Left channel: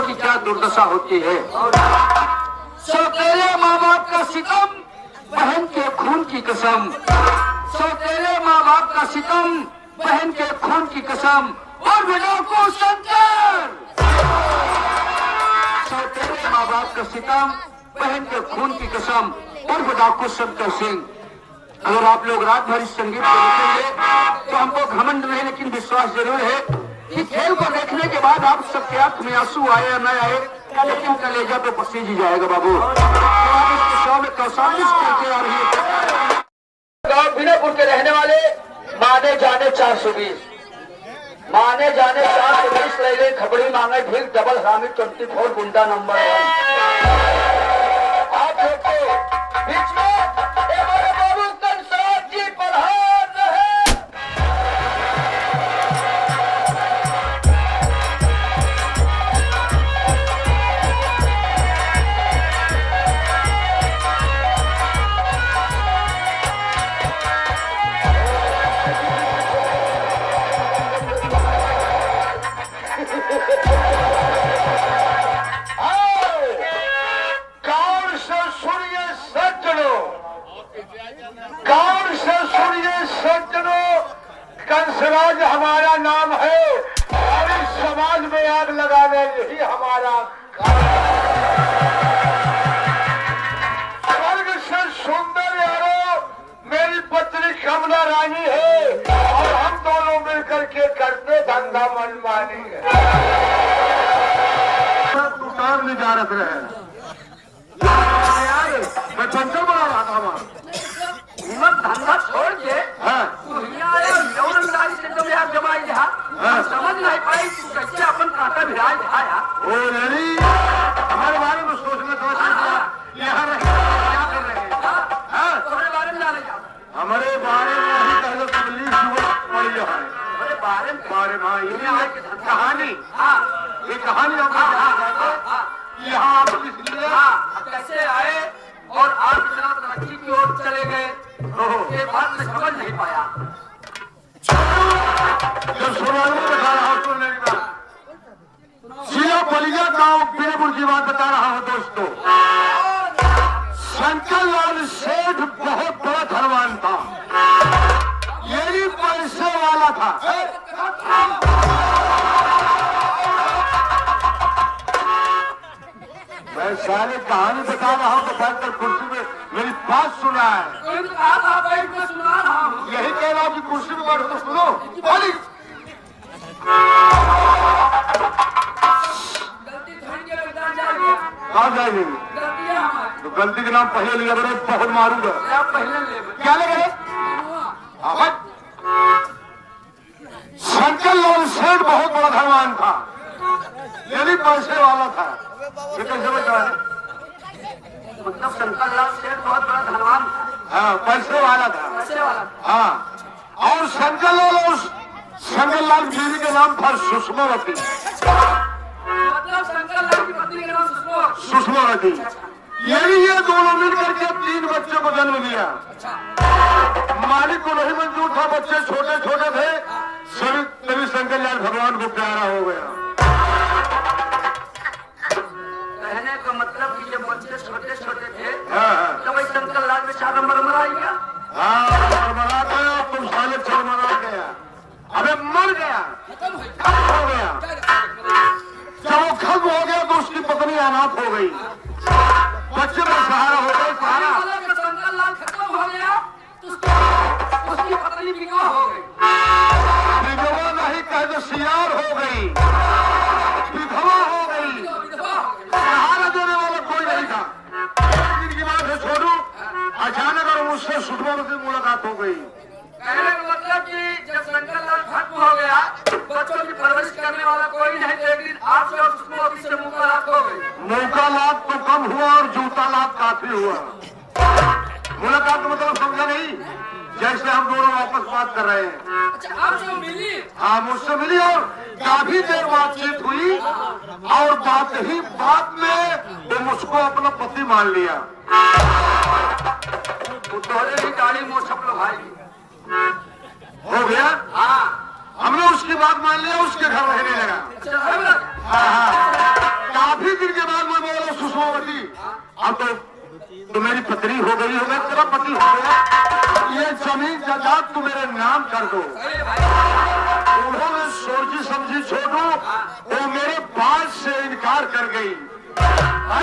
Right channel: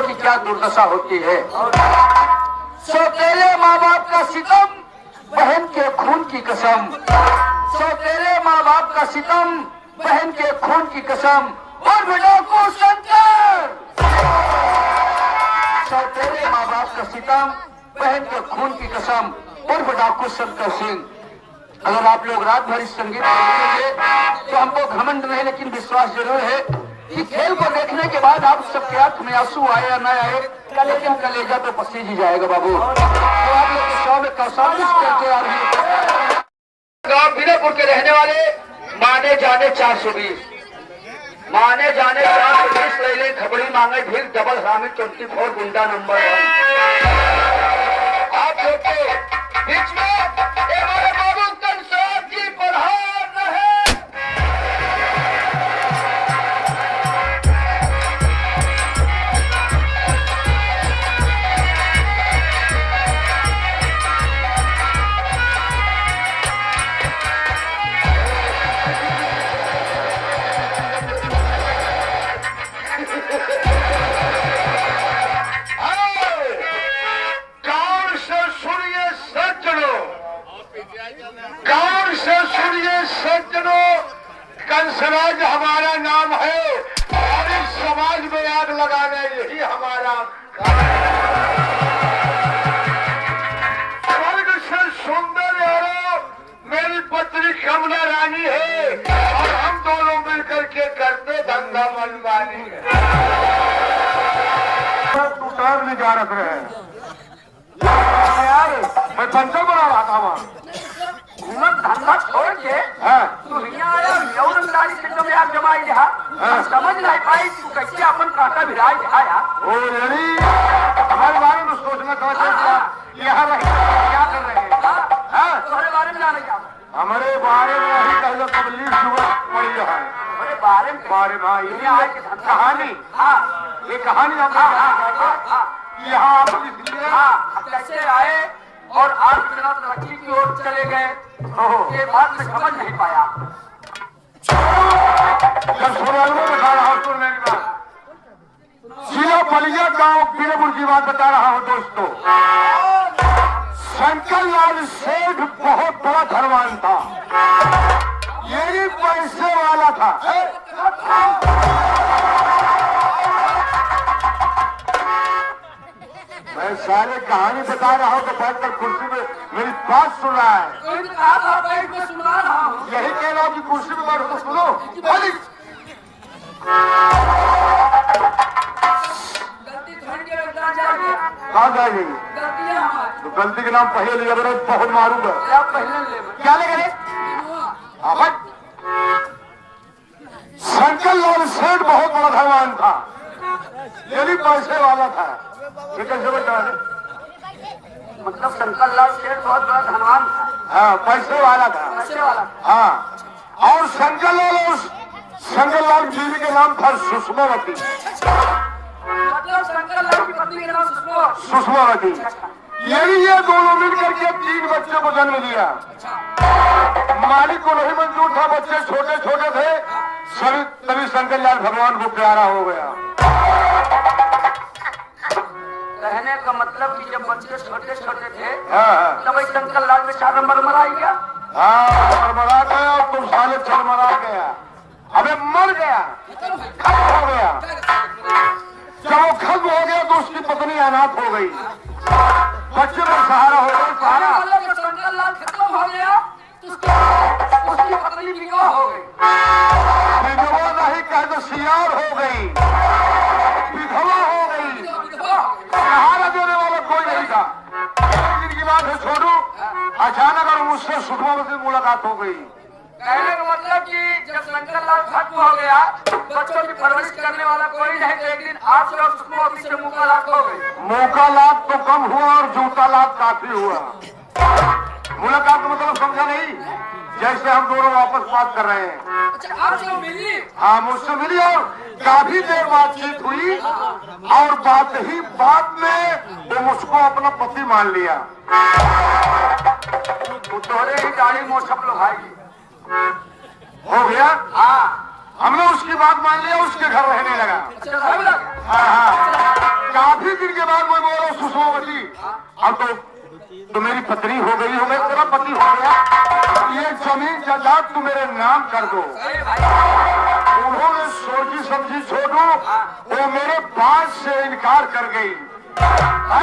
की क्या दुर्दशा होती है। सौतेले माँ बाप का सितम, बहन के खून की कसम। सौतेले माँ बाप का सितम, बहन के खून की कसम। और विनोद को शंकर। सौतेले माँ बाप का सितम, बहन के खून की कसम। और डाकू शंकर सिंह। अगर आप लोग रात भर इस संगीत को देखेंगे तो हमको घमंड नहीं, लेकिन विश्वास जरूर है कि खेल को देखने के बाद आप सबके आंख में आंसू आए या न आए, लेकिन कलेजा पे पसीज ही जाएगा बाबू। तो आप इसके शो में कैसा कुछ करके आ रही है। गांव विनयपुर के रहने वाले माने जाने 420, माने जाने 420 ले खबड़ी मांगे भील डबल हामिद 24 गुंडा नंबर 1। आप लोग के बीच में हमारे बाबू कंसाद जी पधार रहे। गौर से सुनिए सज्जनों, कंसराज हमारा नाम है और इस समाज में आग लगाना यही हमारा स्वर्ग से सुंदर यारो मेरी पत्नी कमला रानी है और हम दोनों मिलकर के करते धंधा मनमानी है। तू टाइम नहीं जा रहे मैं पंचो बना रहा था वहां धंधा छोड़ के समझ नहीं पाई कैसे अपन काका भिराई दिखाया। हमारे बारे में सोचना था यहाँ क्या कर रहे हैं। तुम्हारे बारे में जाने का हमारे बारे में अभी पहले पब्लिक हमारे बारे में कहानी, ये कहानी यहाँ आप इसलिए कैसे आए और आप इतना तरक्की की ओर चले गए, ये बात मैं समझ नहीं पाया। जब समाज में बता रहा हूँ सुनने का जिला बलिया गांव बीरपुर की बात बता रहा हूँ दोस्तों। शंकर लाल सेठ बहुत बड़ा धनवान था, यही पैसे वाला था। मैं सारे कहानी बता रहा हूँ, बैठकर कुर्सी में मेरी बात सुना है। यही कह रहा हूँ कि कुर्सी में बैठ कर सुनो। कहाँ जाएगी तो गलती के नाम पहले ले रहे बहुत मारूंगा। क्या ले गए? शंकर लाल सेठ बहुत बड़ा धनवान था, यही पैसे वाला था। ये कैसे बता रहे? मतलब शंकर लाल सेठ बहुत बड़ा धनवान, हाँ पैसे वाला था, पैसे वाला हाँ। और शंकर लाल बीवी के नाम था सुषमावती। मतलब शंकर लाल की पत्नी का नाम सुषमावती। यही ये दोनों मिलकर के 3 बच्चों को जन्म दिया। मालिक को नहीं मंजूर था, बच्चे छोटे छोटे थे, तभी शंकर लाल भगवान को प्यारा हो गया। कहने का मतलब कि जब बच्चे छोटे छोटे थे तब शंकर लाल में 4 नंबर मरा गया। हाँ मरा गया और तुम साले 6 मरा गया। अबे मर गया, हो गया। जब वो खत्म हो गया तो उसकी पत्नी अनाथ हो गई, बच्चे का सहारा हो गई। सहारा शंकर लाल खत्म हो गया तो उसकी पत्नी विधवा हो गई। विधवा नहीं कहे तो सियार हो गई, विधवा हो गई, सहारा देने वाला कोई नहीं था। दिन की बात है छोड़ू, अचानक और मुझसे सुषमावती से मुलाकात हो गई। कहने का मतलब कि जब शंकर लाल खत्म हो गया, बच्चों की परवरिश करने वाला कोई नहीं, तो एक दिन आपसे और सुषमावती से मुलाकात हो गई। मुलाकात तो कम हुआ और जूता लाभ काफी हुआ। मुलाकात का मतलब समझा नहीं, जैसे हम दोनों वापस बात कर रहे हैं। अच्छा आपसे मिली? हाँ मुझसे मिली और काफी देर बातचीत हुई और बात में वो मुझको अपना पति मान लिया। तुम्हारे ही दाढ़ी मोछ भाई हो गया। हाँ हमने उसकी बात मान लिया, उसके घर रहने लगा। हाँ हाँ सुषमावती, अब तो मेरी पत्नी हो गई हो, मैं तेरा पति हो गया, ये जमीन जायदाद तू मेरे नाम कर दो। उन्होंने सोची समझी छोड़ू, वो मेरे बात से इनकार कर गई,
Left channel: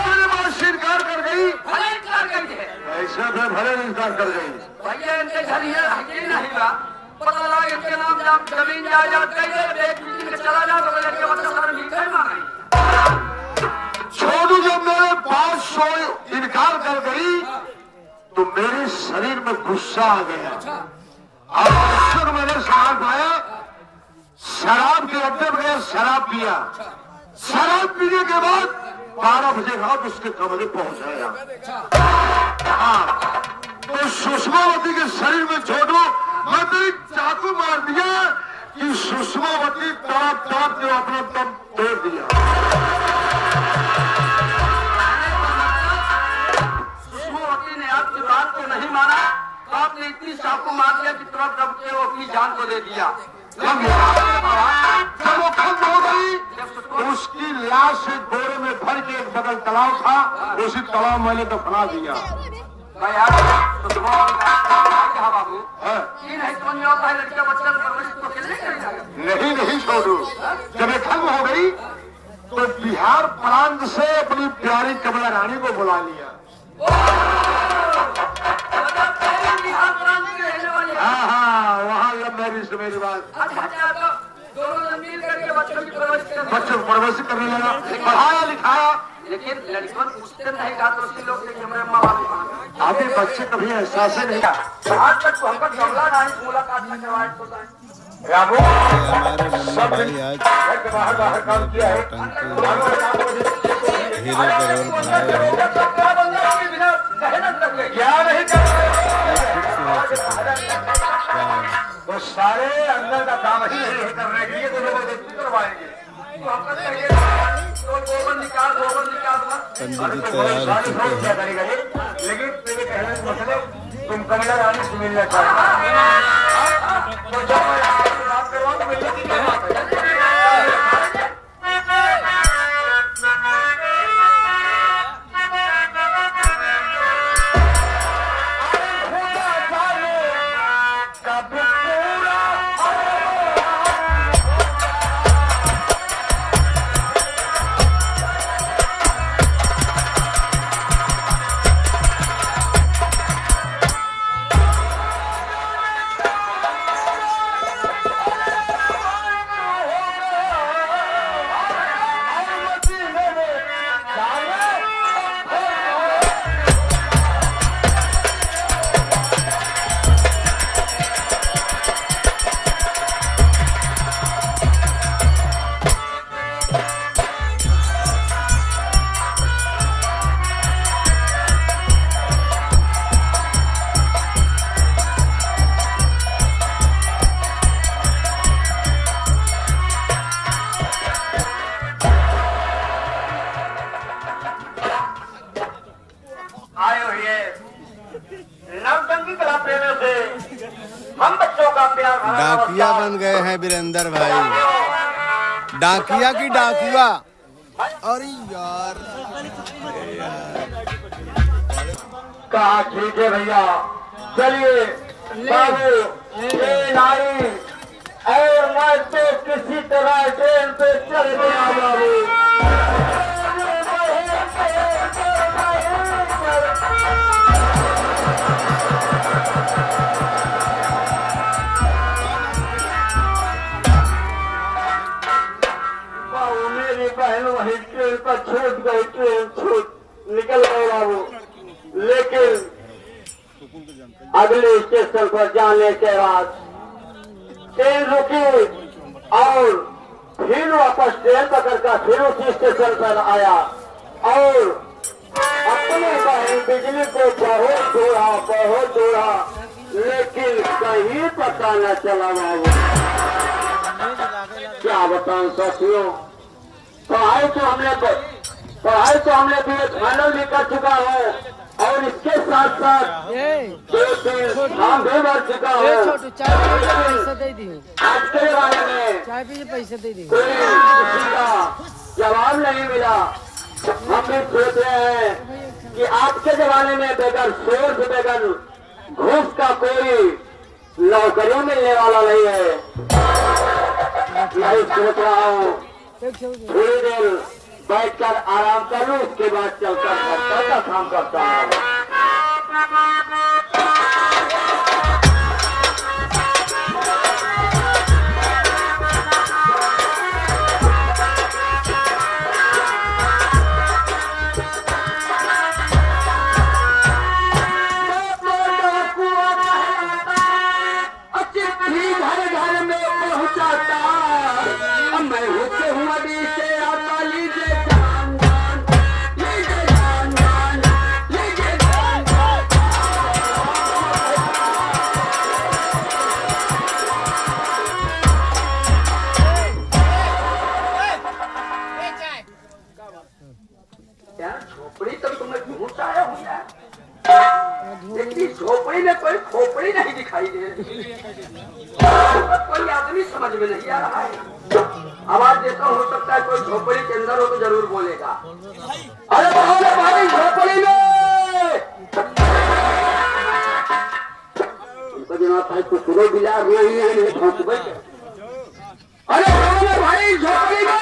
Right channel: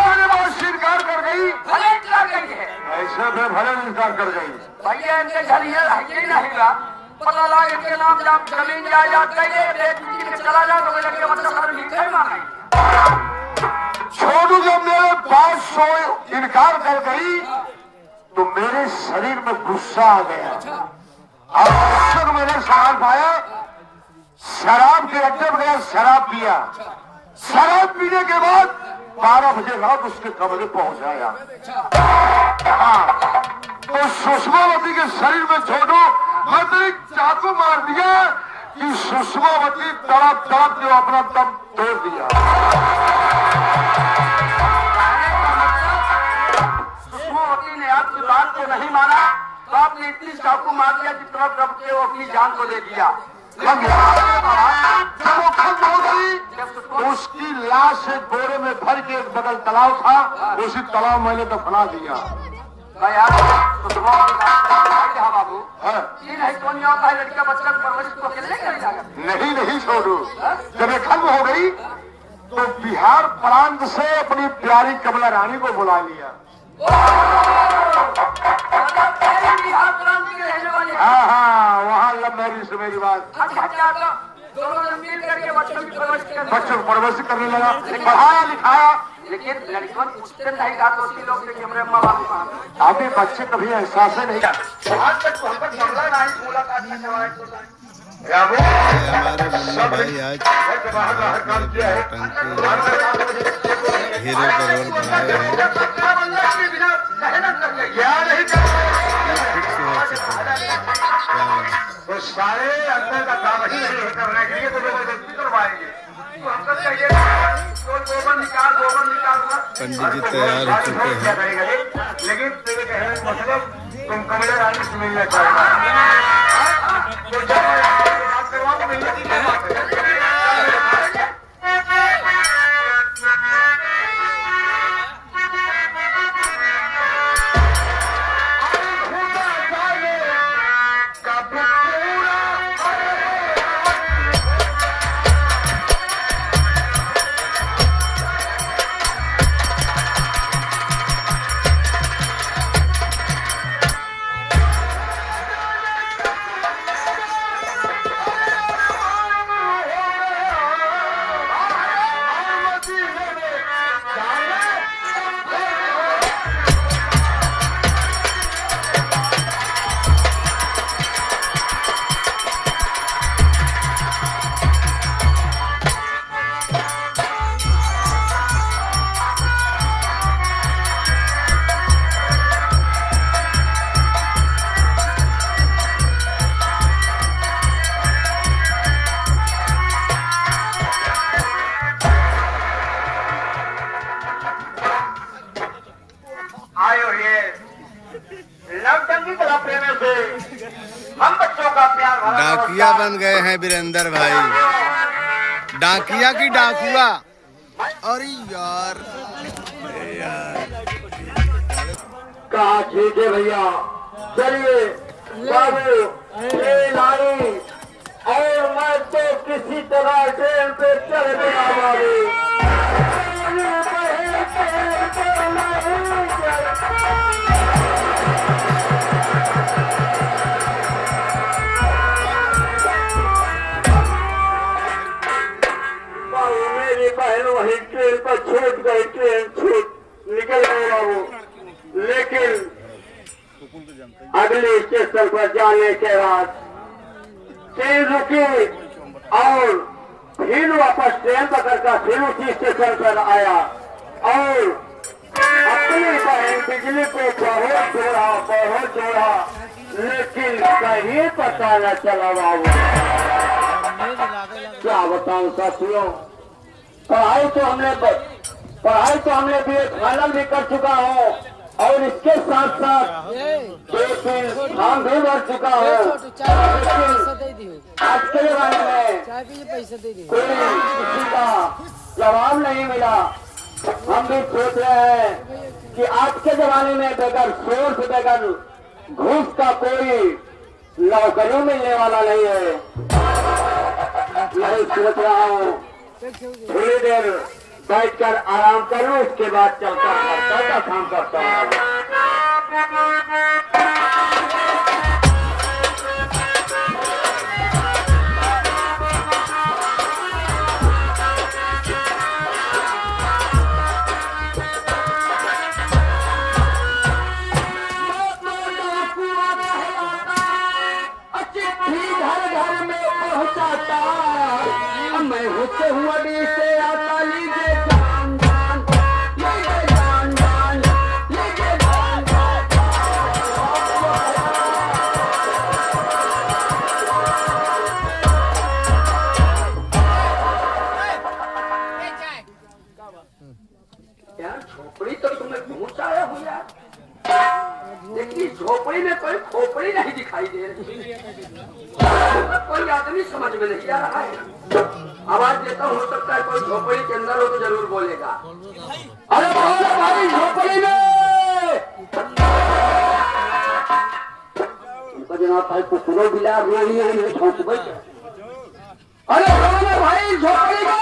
मेरे बात से इनकार कर गई, भले इनकार गई है, ऐसे भी भले इनकार कर गई। भैया इनके घर ये है नहीं का पता लगा, इनके नाम जमीन जायदाद कैसे बेच के चला जा तो लेके मतलब सारा मीठे मांगे। छोड़ू जब मेरे बात से इनकार कर गई तो मेरे शरीर में गुस्सा आ गया, और अक्सर मैंने सामान पाया, शराब के अड्डे में गया, शराब पिया, शराब पीने के बाद 12 बजे रात उसके कमरे पहुंचाया। हाँ, तो सुषमावती के शरीर में छोड़ो, मैं तो एक चाकू मार दिया कि सुषमावती तड़प तड़प जो अपना दम तोड़ दिया। सुषमावती ने आपकी बात को नहीं माना, आपने इतनी चाकू मार दिया कि तड़प तड़प के वो अपनी जान को दे दिया। जब वो खत्म हो गई तो उसकी लाश एक बोरे में भर के एक बगल तालाब था, उसी तालाब मैंने दफना दिया। बाबू लड़का बच्चा नहीं नहीं छोड़ू, जब ये खत्म हो गई तो बिहार प्रांत से अपनी प्यारी कमला रानी को बुला लिया। हाँ हाँ, वहाँ लव मैरिज से मेरी बात, बच्चों को परवरिश करने लगा, पढ़ाया लिखाया, लेकिन लड़कियों पूछते नहीं था तो उसी लोग के अभी बच्चे कभी एहसास नहीं किया। आज तक हमको कमला नहीं मुलाकात में हमारे मुन्ना भाई आज हीरो का रोल बनाए हैं, वो सारे अंदर का काम ही नहीं करने के लिए तो जबरदस्ती करवाएंगे। पंडित जी तैयार हो चुके हैं। लेकिन तेरे कहने का मतलब तुम कमला रानी से मिलना चाहते डाकिया बन गए हैं वीरेंद्र भाई, डाकिया की डाकुआ। अरे यार कहा ठीक है भैया, चलिए बाबू ये नारी और मैं तो किसी तरह ट्रेन पे चढ़ गया बाबू। बहन वही ट्रेन पर छूट गई, ट्रेन छूट निकल गई बाबू, लेकिन अगले स्टेशन पर जाने के बाद ट्रेन रुकी और फिर वापस ट्रेन पकड़कर फिर उसी स्टेशन पर आया और अपनी बहन बिजली को बहुत जोड़ा, लेकिन कहीं पता न चला बाबू। क्या बताऊं साथियों, पढ़ाई तो हमने फाइनल भी कर चुका हूँ और इसके साथ साथ फॉर्म भी भर चुका हूँ। आज के जमाने में पैसे दे दी, कोई किसी का जवाब नहीं मिला, हम भी सोच रहे हैं कि आज के जमाने में बगैर सोच बगैर घूस का कोई नौकरी मिलने वाला नहीं है। यही सोच रहा हूँ थोड़ी देर बैठकर आराम कर लूँ, उसके बाद चलकर घर का काम करता हूँ। मैं होते हुआ भी से आता लीजिए जान जान, लीजिए जान जान, लीजिए जान जान। क्या झोपड़ी तक तुम्हें घूस आया हूँ यार, लेकिन झोपड़ी में कोई खोपड़ी नहीं दिखाई दे रही, कोई आदमी समझ में नहीं आ रहा है। आवाज देता हो सकता है कोई झोपड़ी के अंदर हो तो जरूर बोलेगा। अरे भाई झोपड़ी में जनाब भाई कुकुरों बिला रही है। अरे भाई झोपड़ी में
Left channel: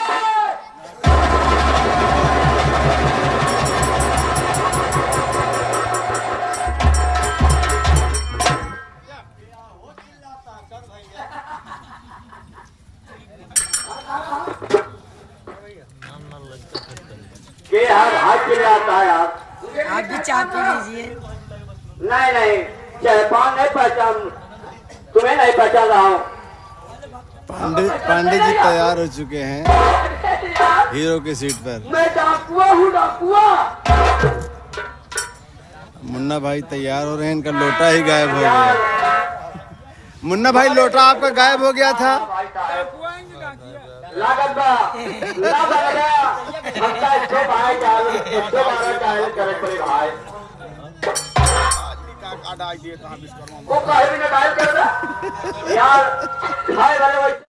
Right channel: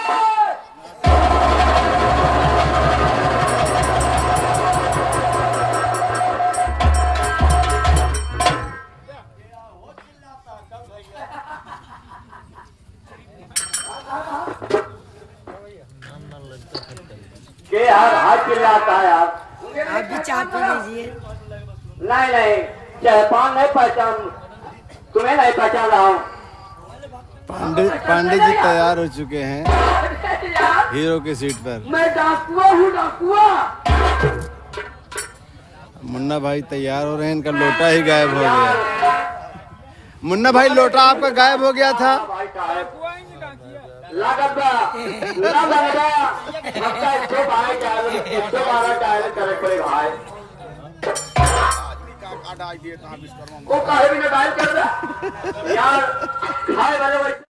के यार हाथ पीने आता है यार। आप भी चाय पी लीजिए। नहीं नहीं चाय नहीं पहचान, तुम्हें नहीं पहचान रहा हूँ। पांडे जी तैयार हो चुके हैं हीरो की सीट पर। मैं डाकुआ हूँ, डाकुआ। मुन्ना भाई तैयार हो रहे हैं, इनका लोटा ही गायब हो गया। मुन्ना भाई लोटा आपका गायब हो गया था। यार